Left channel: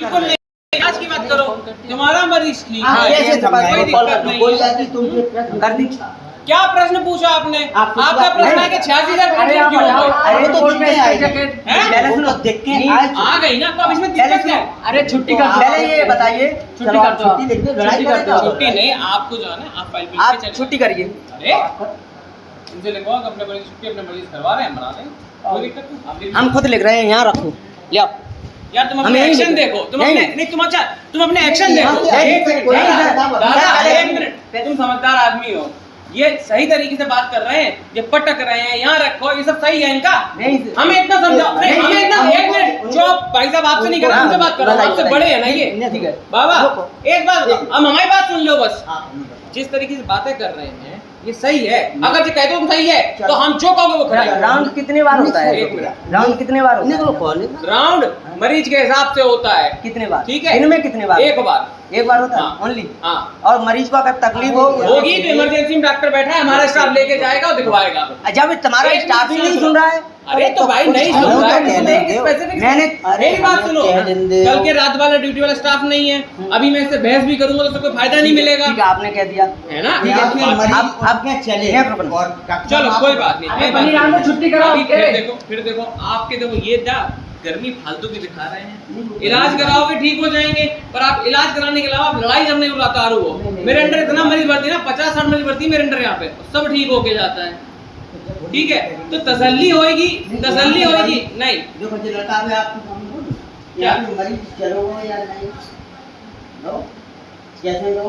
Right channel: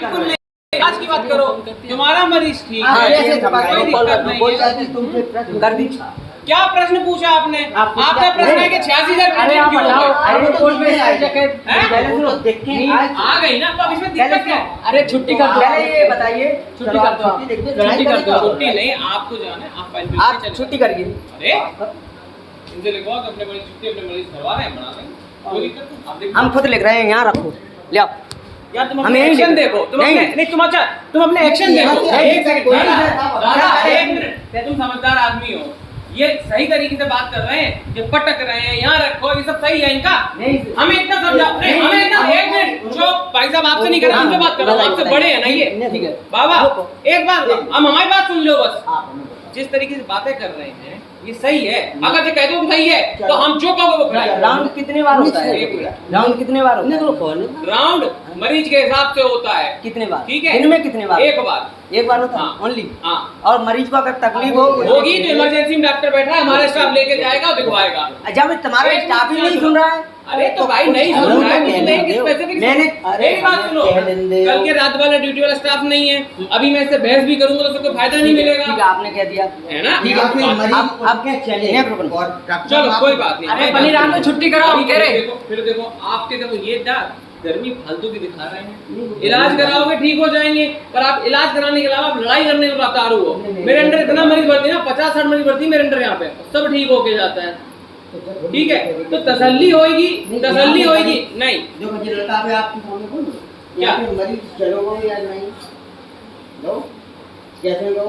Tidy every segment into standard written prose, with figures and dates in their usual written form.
बिल्कुल नहीं, आज की बात करो, तुम्हारा मरीज ठीक हाँ, है, ये कोई दिक्कत नहीं है। कर दी। क्या प्रश्न पूछा आपने? आपका प्रश्न है कि 86,000 पेशेंट क्यों हो गए? अरे तो रिपोर्ट में हैं? पहले सुनो, देख के आ गई ना, तो अब इसमें पहले दिक्कत क्या सुनो, है? अरे छुट्टी कर दो, पहले ये बताइए, छुट्टी कर दो, छुट्टी लिख दो, लड़ाई छुट्टी कर करें दो। तो। छुट्टी नहीं, आपको जो है ना, आप फाइल पे आप चले छुट्टी जाओ। करिए। अरे इनसे लिखवाओ कि अपने मरीज छुट्टी अपने मरीज करवा रहे हैं, बना देंगे, कोई दिक्कत नहीं। आप लिख हम खुद लिख रहे हैं, यहाँ रखो, ले आओ। यार तुम हम अपने यहीं एक्शन लिख- देखो, तुम नहीं। अपने नहीं, तुम अच्छा, तुम अपने एक्शन देखो। नहीं, एक सेकंड, कोई दादा, नहीं। दादा, पहले- एक मिनट, तुम समझदार आदमी हो, ये सही तरीके से बात कर रहे हैं, ये पटक रहे हैं, यहाँ रखो, ये सब सही है इनका। नहीं, हमें इतना समझाओ, नहीं, हमें इतना, एक मिनट, जो भाई साहब आपसे नहीं कर रहे, हमसे बात करो, आपसे बड़े हैं ना ये। ठीक है। बाबा रुको। एक बात, हम हमारी बात सुन लो बस। जिस तरीके से बातें कर रहे हैं ये सही है, अगर जो कह दो तुम सही है तो हम जो कहोगे वो करेंगे। राउंड कितने बार होता है? एक मिनट। राउंड कितने बार होता है? राउंड मरीज के हिसाब से होता है, कितने बार? ठीक है। दिन में कितने बार? एक बार। एक बार होता है हाँ। ओनली। हाँ, और मरीज को अगर तकलीफ हो होगी तो इमरजेंसी में डॉक्टर बैठा है, हमारा स्टाफ लेके जाएगा और दिखवाएगा। जब तुम्हारा एक स्टाफ ही मिनट नहीं सुन रहा है, अरे तो भाई नहीं सुन रहा है, तो नहीं, स्पेसिफिक मैंने मेरी बात सुनो, कल के रात वाला ड्यूटी वाला स्टाफ नहीं है, अभी मैं इससे बहस भी करूंगा तो सबको फायदा नहीं मिलेगा, ठीक है, आपने कह दिया, है ना? ठीक है, अब क्या चले नहीं रुकना। चलो कोई बात नहीं। अरे बनी राम तो छुट्टी करो, अभी कह रहे। फिर देखो आपके, देखो ये गर्मी फालतू की दिखा रहे हैं, इलाज कराओगे ठीक हो जाएंगे, पर आप इलाज कराने के अलावा आप लड़ाई करने में उतारू हो। मेरे अंडर इतना मरीज भर्ती है ना, 50-60 मरीज भर्ती है मेरे अंडर यहाँ पे, सब ठीक होके जाता है, ठीक है। तो तसल्ली होएगी, तसल्ली होएगी नहीं। जो मुझे लड़का है आपकी फोन में बोलो क्या? या मरीज चलोगे या नहीं लो कैसे लो।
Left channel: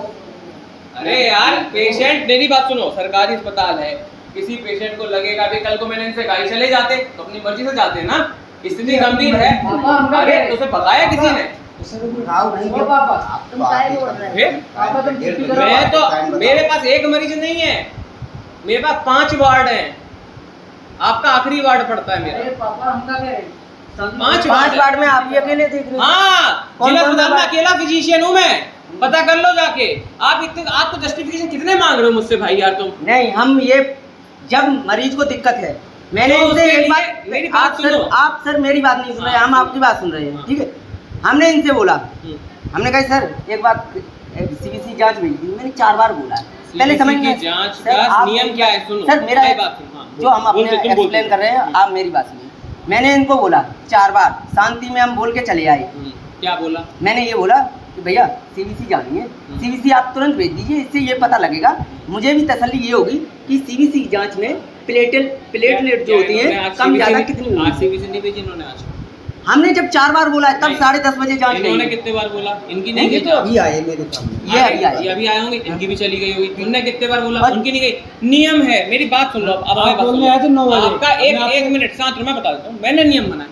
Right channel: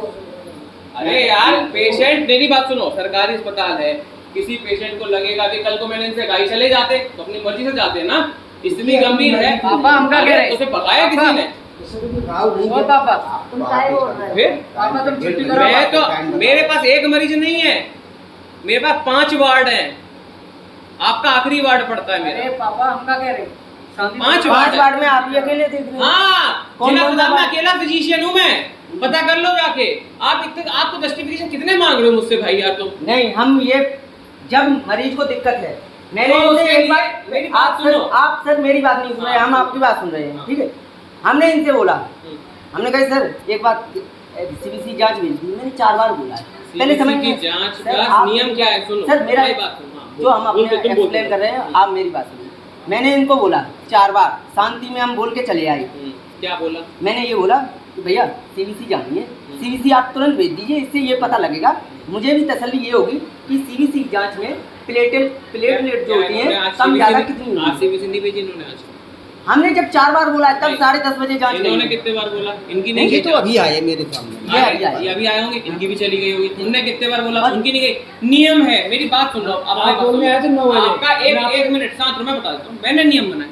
अरे यार पेशेंट, मेरी बात सुनो, सरकारी अस्पताल है, किसी पेशेंट को लगेगा कि कल को मैंने इनसे कहा चले जाते तो अपनी मर्जी से जाते ना, स्थिति गंभीर है, पापा हमका अरे कह रहे। तो उसे बताया किसी ने? इससे तो कोई घाव नहीं ओ पापा, तुम काय बोल रहे फिर पापा तुम छुट्टी करो। मैं तो, मेरे पास एक मरीज नहीं है, मेरे पास 5 वार्ड हैं, आपका आखिरी वार्ड पड़ता है अरे मेरा। पापा हमका कह रहे। 5 5 वार्ड में आप ही अकेले देख रहे हो? हाँ, कौन जिला कौन सा अस्पताल में वार्ड? अकेला फिजिशियन हूँ मैं, पता कर लो जाके। आप इतने, आपको जस्टिफिकेशन कितने मांग रहे हो मुझसे भाई यार तुम? नहीं, हम ये जब मरीज को दिक्कत है, मैंने तो इनसे उसके एक लिए बात, मेरी बात सुनो। आप सर मेरी बात नहीं सुन रहे, हम आपकी बात सुन रहे हैं, ठीक है। हमने इनसे बोला, हमने कहा सर एक बात, सीबीसी जांच भेज दी, मैंने 4 बार बोला है, पहले CBC समझिए की जांच सर, का आप- नियम क्या है? सुनो सर मेरा मेरी बात सुनो, हाँ, जो हम अपने बोलते, तुम बोलते एक्सप्लेन कर रहे हैं, हो। आप मेरी बात सुनिए। मैंने इनको बोला 4 बार, शांति में हम बोल के चले आए। क्या बोला? मैंने ये बोला कि भैया सीबीसी जानी है, सीबीसी आप तुरंत भेज दीजिए, इससे ये पता लगेगा, मुझे भी तसल्ली ये होगी कि सीबीसी जांच में प्लेटलेट जो होती हैं कम ज़्यादा कितनी आज होगी। सीबीसी नहीं भेजी इन्होंने आज? हमने जब 4 बार बोला है, तब नहीं। 10:30 बजे जांच इन्होंने गई। कितने बार बोला? इनकी नहीं, नहीं ये गई तो जांच। अभी आए मेरे सामने ये अभी आए। ये अभी आए होंगे, इनकी भी चली गई होगी। तुमने कितने बार बोला? और- उनकी नहीं गई। नियम है, मेरी बात सुन लो। अब हमारी बात बोलने सुनो। आए थे 9 बजे। आपका एक मिनट शांत रहो, मैं बता देता हूँ। मैंने नियम बनाया,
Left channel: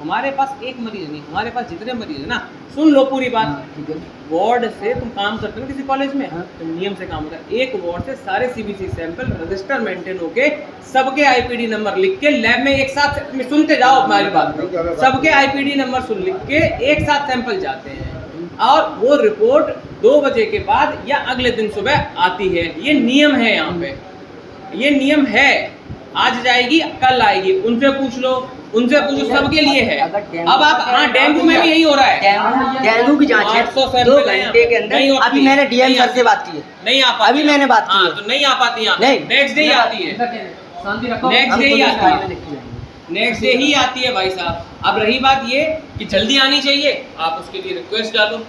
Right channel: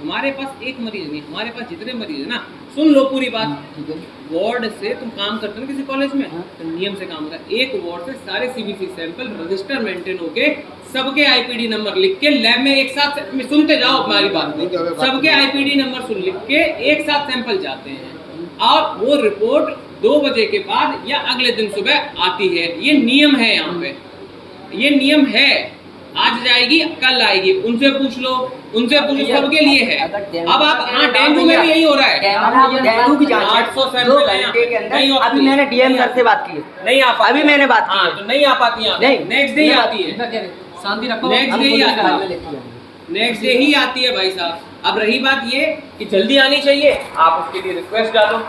हमारे पास एक मरीज नहीं, हमारे पास जितने मरीज है ना, सुन लो पूरी बात। ठीक है, वार्ड से तुम काम करते हो किसी कॉलेज में, हाँ। तो नियम से काम होता है। एक वार्ड से सारे सीबीसी सैंपल रजिस्टर मेंटेन होके, सबके आईपीडी नंबर लिख के लैब में एक साथ, सुनते जाओ हमारी बात को, सबके आईपीडी नंबर सुन लिख के एक साथ सैंपल जाते हैं, और वो रिपोर्ट 2 बजे के बाद या अगले दिन सुबह आती है। ये नियम है यहाँ पे, ये नियम है। आज जाएगी कल आएगी, उनसे पूछ लो, उनसे पूछो, सबके लिए है। अगर डेंगू- अब आप, हाँ डेंगू में भी यही हो रहा है। डेंगू की जांच है 800 2 सैंपल हैं यहाँ घंटे पे। के अंदर। नहीं होती अभी है। मैंने डीएम नहीं सर से आती। बात की है, नहीं आ पाती अभी है। मैंने बात की हाँ, है। तो नहीं आ पाती यहाँ नहीं, नेक्स्ट डे ही मैं आती है, हमका कह रहे। शांति रखो। नेक्स्ट हम डे ही खुद आती फाइल है, में लिख के जाएंगे। नेक्स्ट डे ही आती है भाई साहब। अब रही बात ये कि जल्दी आनी चाहिए, आप उसके लिए रिक्वेस्ट डालो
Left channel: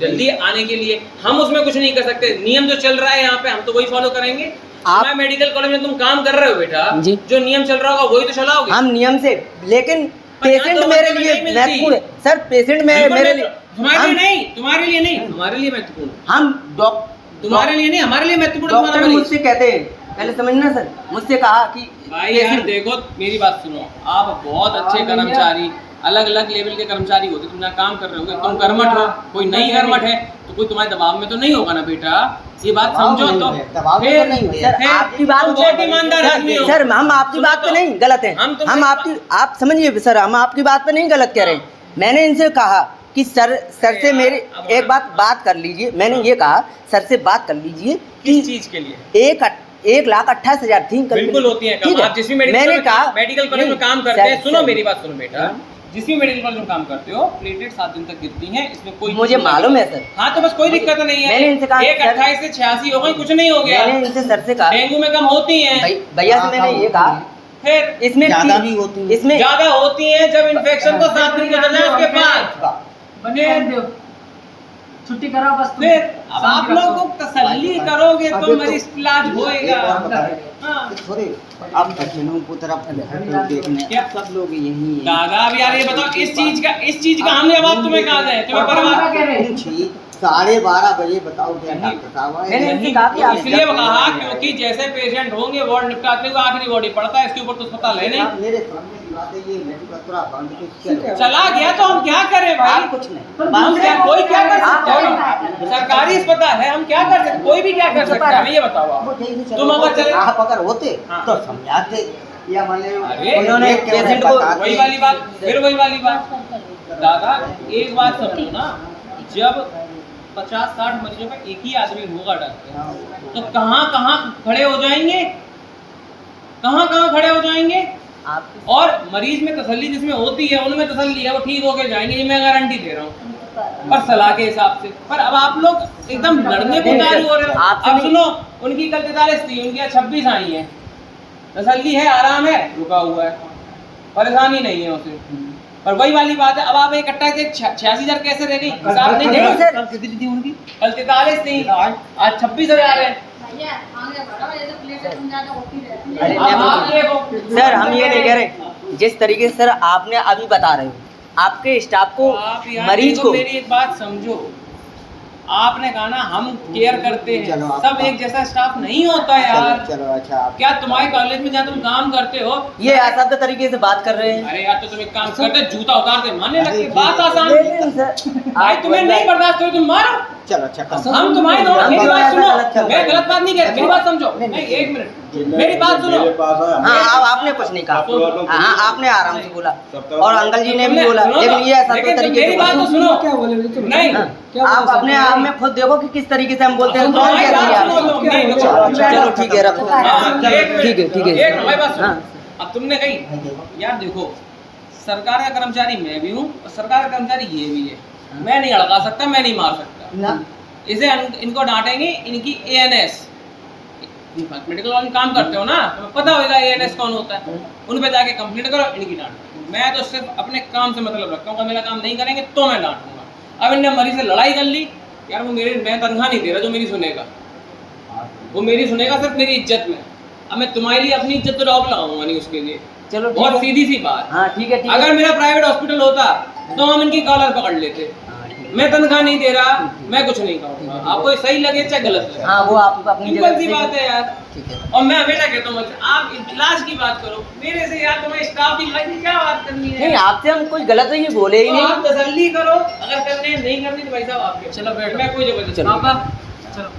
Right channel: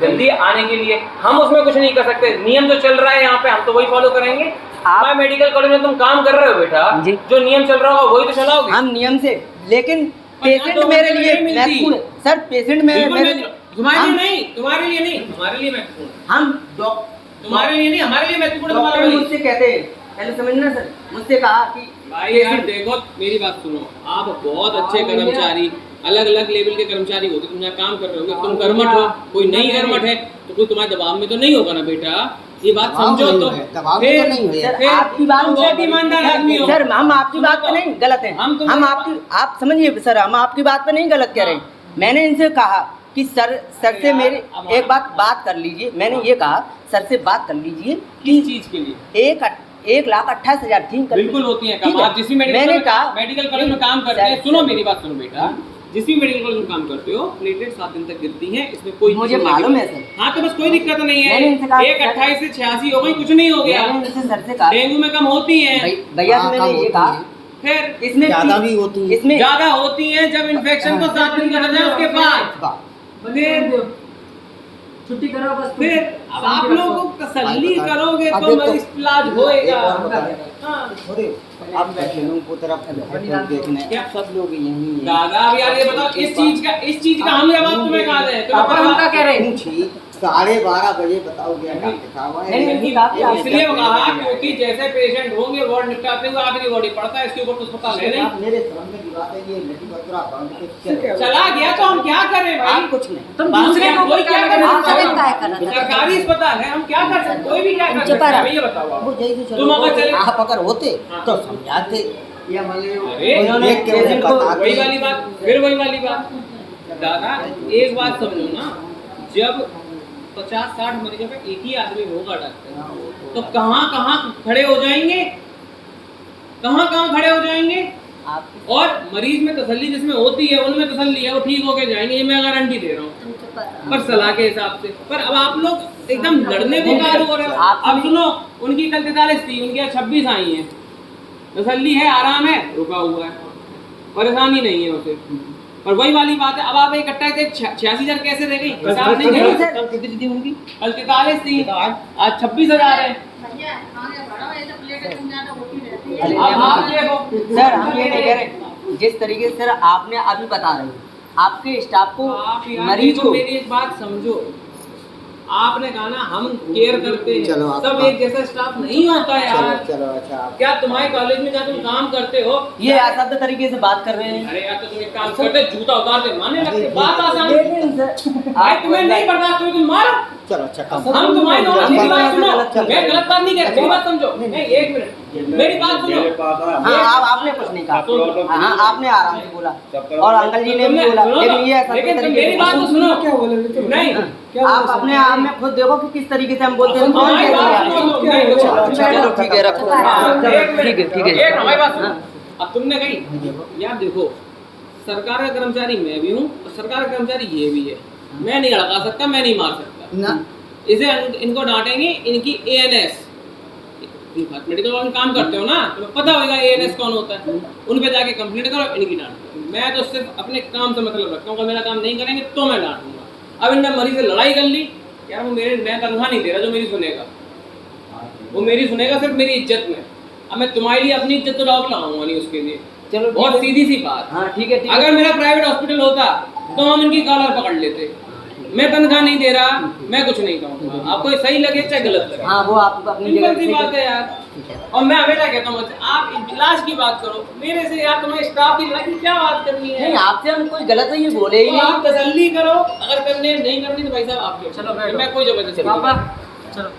जल्दी आने के लिए। हम उसमें कुछ नहीं कर सकते, नियम जो चल रहा है यहाँ पे हम तो वही फॉलो करेंगे। हमारे मेडिकल कॉलेज में तुम काम कर रहे हो बेटा, जी। जो नियम चल रहा होगा वही तो चलाओगे। हम नियम से, लेकिन पर यहाँ पेशेंट तो मेरे मतलब लिए नहीं मिलती। महत्वपूर्ण है सर, पेशेंट बिल्कुल मेरे मैं लिए, तुम्हारे लिए हम- नहीं, तुम्हारे लिए नहीं, तुम्हारे लिए महत्वपूर्ण, हम डॉक्टर तुम्हारे लिए नहीं, हमारे लिए महत्वपूर्ण तुम्हारा डॉक्टर मरीज। मुझसे कहते हैं, पहले समझना सर, मुझसे कहा कि भाई यार patient- देखो मेरी बात सुनो, आप बहुत अच्छे कर्मचारी, अलग अलग लेवल के कर्मचारी होते, तुम यहाँ काम कर रहे होगे, तुम कर्मठ हो, कोई नहीं कर्मठ है तो कोई तुम्हारे दबाव में तो नहीं होगा ना बेटा, ये बात दबाव समझो नहीं तो। है, दबाव फिर- तो नहीं है। सर, फिर आपकी बात तुम बहुत ईमानदार आदमी हो सर, हम आपकी सुनो बात पे तो। नहीं गलत है, हम हम आपकी, आप समझिए सर, हम आपकी बात पे नहीं गलत कह रहे हैं। मैंने इनसे कहा कि सर से यार, मेरे अब एक बात कर लीजिए। मैंने ये कहा सर से बात कर लीजिए किस कि चीज के लिए? 1,28,000 थी। बिल्कुल होती है ठीक काम। आप जिस भी मैंने मेडिकल कहा मेडिकल कॉलेज में काम करते हैं, सर, सुनो सर, मेरी बात सुनो बेटा, जिस भी मेडिकल कॉलेज में काम करते हो प्लेटलेट 7 दिन तक गिरती हैं, इसमें कोई मुझे चीज़ नहीं मालूम है है। सर। हाँ तो बस कोई दिक्कत नहीं है। मैंने इनसे कहा एक सर- 28 से 86 हो गई, कुछ नहीं हो गया। मैंने इनसे सर से कहा डेंगू में कम होती हैं, भैया हाँ, से मैंने कम ये होती कहा हैं। फिर इसमें ज्यादा भी होती है। इसमें ज्यादा होती हैं जब इन्फेक्शन को 7 दिन गुजर जाए उसके बाद। बने रहने दो, छुट्टी करो बस तुम। फिर अब आप शांति लोग रखो। को तसल्ली करोगे अब तो एक तो- मरीज इलाज एक होएगा। और बताएं। हाँ। थोड़े आप बच्चों को तरफ देखने क्या? सब लोग यही हैं। दादा अब यार ये बताओ इस चीज का हम जवाब तुम्हें कहा है तुम्हें पापा परवाह क्या कह रहे हैं? पूछी 12:30 बजे बताओ क्या डॉक्टर साहब आए? मैंने इनसे कहा कि आप इसलिए कहा क्योंकि जैसे पेशेंट होंगे वार्ड निपटाते हुए आखिरी बॉडी पड़ता है, इसके ऊपर तो अस्पताल है नहीं। आप मेरे सामने की बात है, ये मेडिकल पूरा बंद तो चलो। चला गया तो हम क्या करें भाई? आप कुछ नहीं तुम हम दूसरे क्या को कोई क्या कर आप सकता चले है? सरकारी अस्पताल है, हम क्या कर सकते, कोई भी क्या कर सकता है? हमें ये बताओ आप। वो जैसे चलो तुम अगर चले आप अगर होते हाँ। तो समझाते या मान लो अरे, उन्होंने देख के उन्हें पेशेंट को बताते। वही वाली बात, फिर वही वाली बात। दादा एक बात समझो ना, जब 50-60 मरीजों का एक ही आदमी होगा डॉक्टर, हाँ, वो तो कहाँ खड़े हो जाएंगे, कहाँ खड़े हो जाएंगे। आप और मरीज में तसल्ली जिसमें होती है उनमें तसल्ली है, वो ठीक होके जाएंगे, ये मैं गारंटी दे रहा हूँ पर सलाह के हिसाब से। पर अब आप लोग एकदम लड़ने को उतारू हो रहे हो। अब सुनो, उनकी कल 43 थी, उनकी आज 26 आई है, तसल्ली है, आराम है, रुका हुआ है, परेशानी नहीं है उसे। पर वही वाली बात है, अब आप इकट्ठा से 86,000 कैसे दे गई? हिसाब नहीं नहीं है। सर कितनी थी उनकी कल 43 थी, आज 26,000 है। अरे, अब आप देखो सर हम ये नहीं कह रहे, जिस तरीके से सर आपने अभी बता रहे हो आपके स्टाफ को आप यार मरीज देखो, को मेरी एक बात समझो, आपने कहा ना हम केयर करते हैं, चलो, आप- सब एक जैसा स्टाफ नहीं होता है चलो यार। चलो अच्छा आप क्या तुम्हारे कॉलेज में जहाँ तुम काम करते हो, ये असाध्य तरीके से बात कर रहे हैं अरे यार तो तुम एक काम करते जूता उतार के मारने लगते, बात आसान। नहीं, सर भाई तुम्हें नहीं बर्दाश्त हो तुम मारो, चलो अच्छा कम हम तुम्हारी दोनों हम मेरी बात बात सुनो, गलत चल रहा मैं है। गलत बात नहीं कह रही, मेरी बात समझो। नहीं एक मिनट, मेरी बात सुनो। हाँ आपने कुछ नहीं कहा, हाँ आपने आराम से बोला और अंकल जी ने भी तुमने- बोला, सुनो लेकिन ये तो, असाध्य लेकिन तुम तरीके मेरी से बात तो बोला। सुनो। क्या बोले तो नहीं आप अपने आप में खुद देखो कि किस तरीके से हम बोलते हैं। सुनो, कौन हमारी कह रही है बात सुनो, आपसे? तुम नहीं, चलो, देखो। चलो ठीक है रखो हाँ, एक मिनट, ठीक है ठीक है एक हमारी बात सुनो। हाँ। अब तुमने कही यार देखो, सरकार का कर्मचारी मैं भी हूँ और सरकार का कर्मचारी ये भी है, मैं नहीं हड़का सकता, मैं नहीं मार सकता। ना इसे इनको डांटेंगे, इनकी ANS मेडिकल कॉलेज में काम करते हो ना, तुम्हें पता होगा ANS कौन होता है, उन पे जाके कंप्लेंट करो, इनकी डांट। मैं तो सिर्फ अपने काम से मतलब रखता हूँ, अगर मेरा काम नहीं करेंगे तो मैं डांटूंगा। अब इनने मरीज से लड़ाई कर ली यार, वो मैं तनख्वाह नहीं दे रहा जो मेरी सुनेगा, वो मेरी सुनेगा सिर्फ मेरी इज्जत में। अब मैं तुम्हारे लिए अपनी इज्जत तो रॉक लगाऊंगा नहीं उसके लिए। चलो बहुत ठीक है। सीधी सी बात। हाँ ठीक है ठीक है अगर मेरा प्राइवेट हॉस्पिटल होता तो हम इनकी कॉलर पकड़ लेते। मैं तनख्वाह नहीं दे रहा, मैं कुछ नहीं कहूँगा, आपको ये सही लगे चाहे गलत लगे, हाँ वो आप अपनी सिंपल जगह सी से बात है यार। ठीक है और मैं हमेशा कहता हूँ आप इलाज की बात करो मेरे से यार, तुम्हें स्टाफ इलाज की क्या बात करनी है? नहीं आपसे हम कोई गलत नहीं बोले ही तो नहीं। आप तसल्ली करो, अगर करने नहीं करनी तो भाई साहब आपके, चलो बैठो। मैं कोई जबरदस्ती चलो। पापा चलो